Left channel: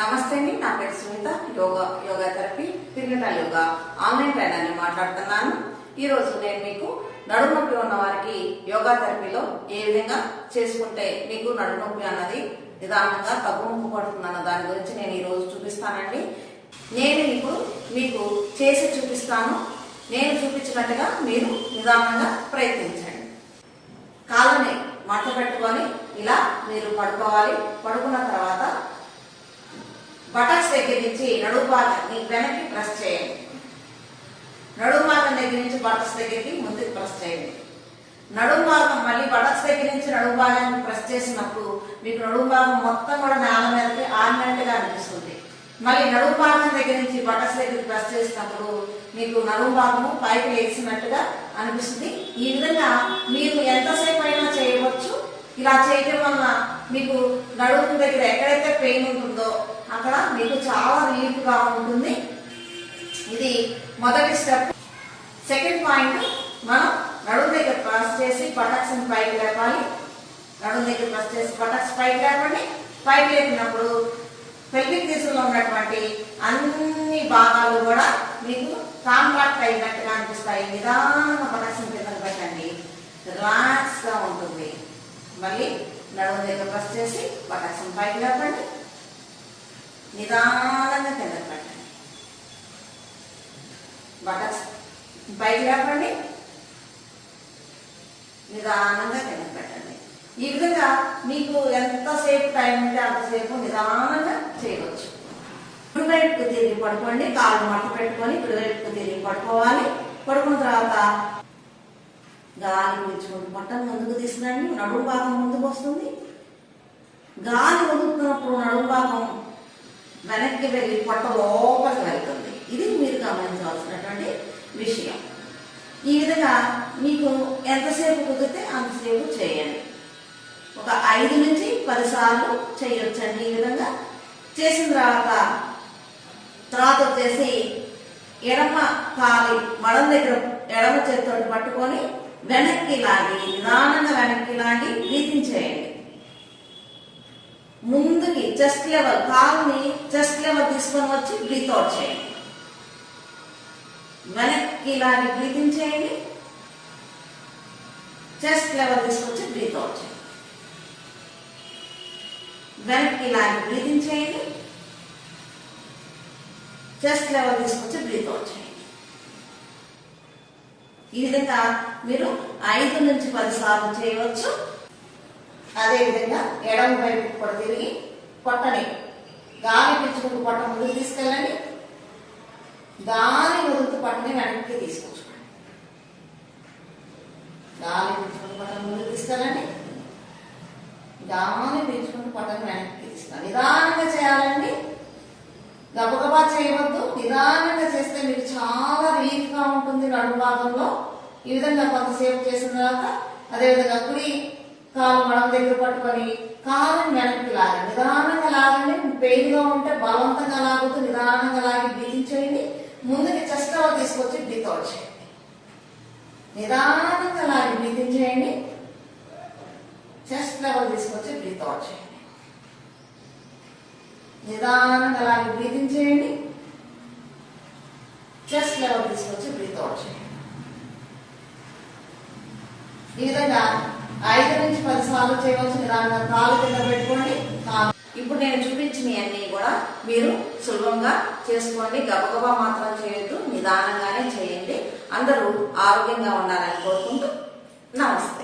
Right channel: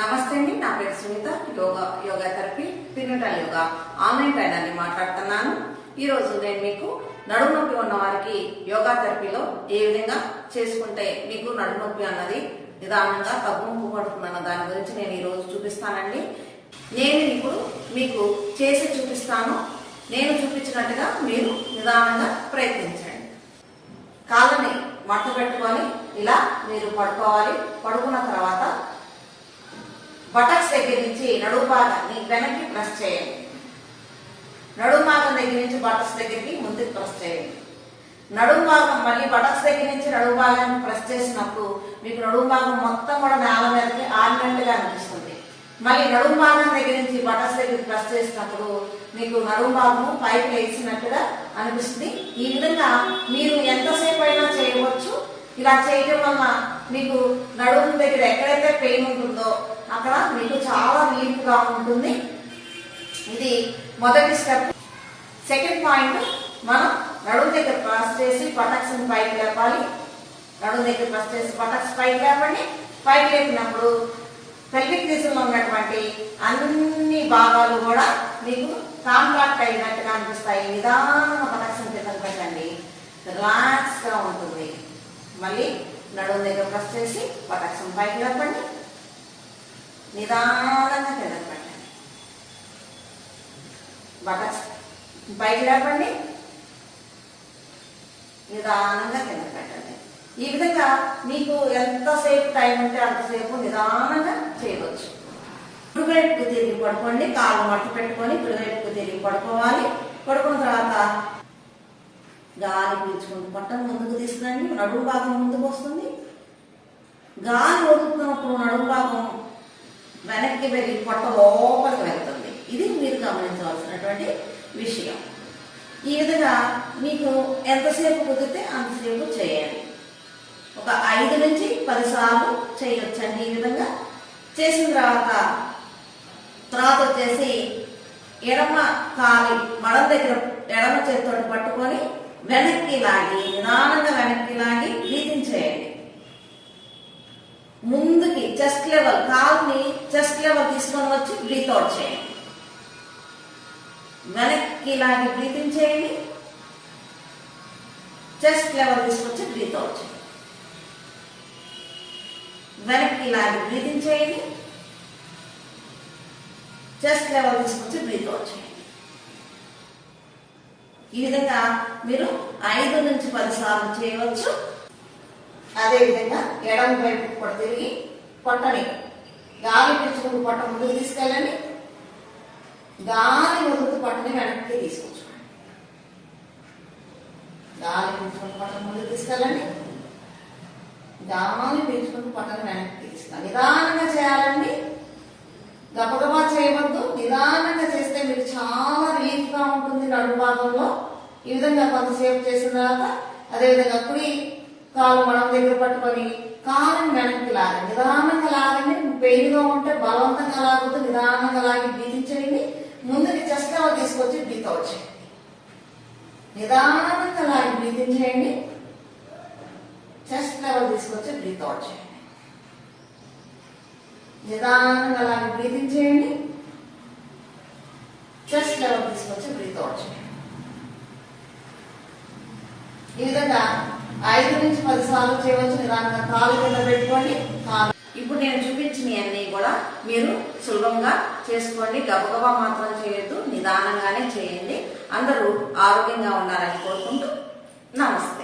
నమస్తే అండి, నా పేరు Sunitha. Yoga therapy prenatal yoga online trainer ని మాట్లాడుతున్నాను. ఈ రోజు నేను మీకు నడుము నొప్పి ఉన్న వారికి యోగా థెరపీలో ఏ విధంగా చేసుకుంటే మీకు నడుము నొప్పి అన్నది నిదానంగా తగ్గుముఖ పడుతుందన్న దాని గురించి నేను ఈ రోజు చూపిస్తానండి. నేను ఇప్పుడు మీకు చేసి చూపిస్తాను. నేను చూపించినట్టుగా మీరు నిదానంగా ప్రయత్నించండి. కాళ్ళని మట్ట పెట్టుకొని ఇలా మీరు పడుకోవాలి. పడుకున్న తర్వాత బటక్స్ దగ్గర నుంచి నడుము భాగాన్ని వెనక్కి ప్రెస్ చేయండి. నడుము భాగం దగ్గర నుంచి బటక్స్ దగ్గరికి ముందుకు ప్రెస్ చేయండి. నడుము భాగం మళ్ళీ బటక్స్ దగ్గర నుంచి నడుము భాగాన్ని ప్రెస్ చేసినప్పుడు మీకు నడుము భాగం మొత్తం కూడా నేల మీదకి ఆడినట్టుగా అనిపిస్తుంది. మళ్ళీ నడుము భాగం దగ్గర నుంచి బటక్స్ దగ్గరికి ప్రెస్ చేసినప్పుడు మీకు నడుము భాగము పైకి లేచినట్టుగా అనిపిస్తుంది. ఈ విధంగా మీరు ఎంతసేపు అయినా చేయవచ్చు. ఇలా చేయడం వలన మీకు నడుము దగ్గర ఎక్కడైతే పెయిన్ ఉంటుందో అక్కడ మీకు చాలా రిలీఫ్ గా ఉంటుంది. ఇది మొదటి స్టెప్. సెకండ్ పాయింట్, మనం నడుము దగ్గర ప్రెస్ చేసి బటక్స్ పైకి లేపాలి. నడుము దగ్గర ప్రెస్ చేసి బటక్స్ పైకి లేపండి. పైకి లేపినప్పుడు పెల్విక్ రీజన్ లో ఉన్నటువంటి అన్ని భాగాలు కూడా మీకు కాంట్రాక్ట్ అయినట్టుగా అనిపిస్తాయి. నిదానంగా బటక్స్ కింద పెట్టండి, రిలాక్స్ గా ఉంటుంది. మళ్ళీ నడుము దగ్గర ప్రెస్ చేసి బటక్స్ పైకి లేపండి, నిదానంగా కింద పెట్టండి. బటక్స్ పైకి లేపండి, నిదానంగా కింద పెట్టండి. ఈ విధంగా మీకు ఎంతసేపు టైం ఉంటే అంతసేపు నిదానంగా చేయవచ్చు. కుడివైపుకు తిరిగి పడుకోండి. కాళ్ళు మట్ట పెట్టుకొని కుడివైపుకు తిరిగి పడుకోవాలి. పడుకున్న తర్వాత గాలి పీల్చుకుంటూ పొట్టను ముందుకు తీసుకురండి. నడుము భాగం ముందుకు వస్తుంది. గాలి వదులుకున్నప్పుడు నడుము భాగం వెనక్కి వెళ్ళి పొట్ట లోపలికి వెళ్తుంది. ఇది మీరు గమనించవలసినటువంటి విషయం. ఈ విధంగా మీకు ఎంతసేపు కుదిరితే అంతసేపు చేయండి. ఒక 5 నుంచి 10 సార్లు చేయొచ్చండి. ఈ విధంగా చేసిన తర్వాత వచ్చేసి ఎడమ కాలి మడం దగ్గర ఎడమ చేతితో పట్టుకొని వెనక్కి లాగి నిదానంగా వెనక్కి లాగి బ్రీతింగ్ చేయండి. ముందుకి చెస్ట్ లెవెల్, కాలుని చెస్ట్ లెవెల్ తీసుకొని వచ్చి బ్రీత్ అవుట్ చేయండి. వెనక్కి లాగి బ్రీతింగ్ చేయండి. చెస్ట్ లెవెల్ తీసుకొచ్చి బ్రీత్ అవుట్ చేయండి. వెనక్కి లాగి బ్రీతింగ్ చేయండి. చెస్ట్ లెవెల్ తీసుకొచ్చి బ్రీత్ అవుట్ చేయండి. ఈ విధంగా మీరు 5 నుంచి 10 సార్లు చేయవచ్చు. అదే విధంగా ఎడమ వైపు కూడా తిరిగి పొట్టని గాలి పీల్చుకుంటూ పొట్ట ముందుకు తీసుకెళ్ళండి. గాలి వదులుతూ పొట్టని వెనక్కి తీసుకొచ్చుకోండి. గాలి పీల్చుకుంటూ పొట్టని ముందుకు తీసుకెళ్ళండి. గాలి పీల్చుకుంటూ పొట్టని వెనక్కి తీసుకెళ్ళండి. నిదానంగా చేయాలండి, గబగబా చేయవద్దు. నిదానంగా చేస్తే మీకు చాలా రిలీఫ్ గా ఉంటుంది నడుము భాగంలో. ఈ విధంగా కొంతసేపు చేసిన తర్వాత అదేవిధంగా కుడి కాలు మడం దగ్గర పట్టుకొని కాలుని వెనక్కి లాగండి. నిదానంగా లాగండి. పెయిన్ గా ఉంటే బలవంతంగా లాగొద్దు. నిదానంగా లాగి బ్రీతింగ్ చేయండి. ముందుకి చెస్ట్ లెవెల్ తీసుకొచ్చి బ్రీత్ అవుట్ చేయండి. నిదానంగా లాగి బ్రీతింగ్ చేయండి. చెస్ట్ లెవెల్ తీసుకొచ్చి బ్రీత్ అవుట్ చేయండి. నిదానంగా లాగి బ్రీతింగ్ చేయండి. చెస్ట్ లెవెల్ తీసుకొచ్చి బ్రీత్ అవుట్ చేయండి. ఈ విధంగా 5 నుంచి 10 సార్లు చేయవచ్చు. నిదానంగా కాలు కింద పెట్టుకోండి. ఇప్పుడు నేను చూపించినవన్నీ కూడా మీరు సులభంగా చేసుకోండి. గబగబా మాత్రం చేయొద్దు, నిదానంగానే చేయండి. అందరూ ఆరోగ్యంగా ఉండాలని కోరుకుంటూ నమస్తే.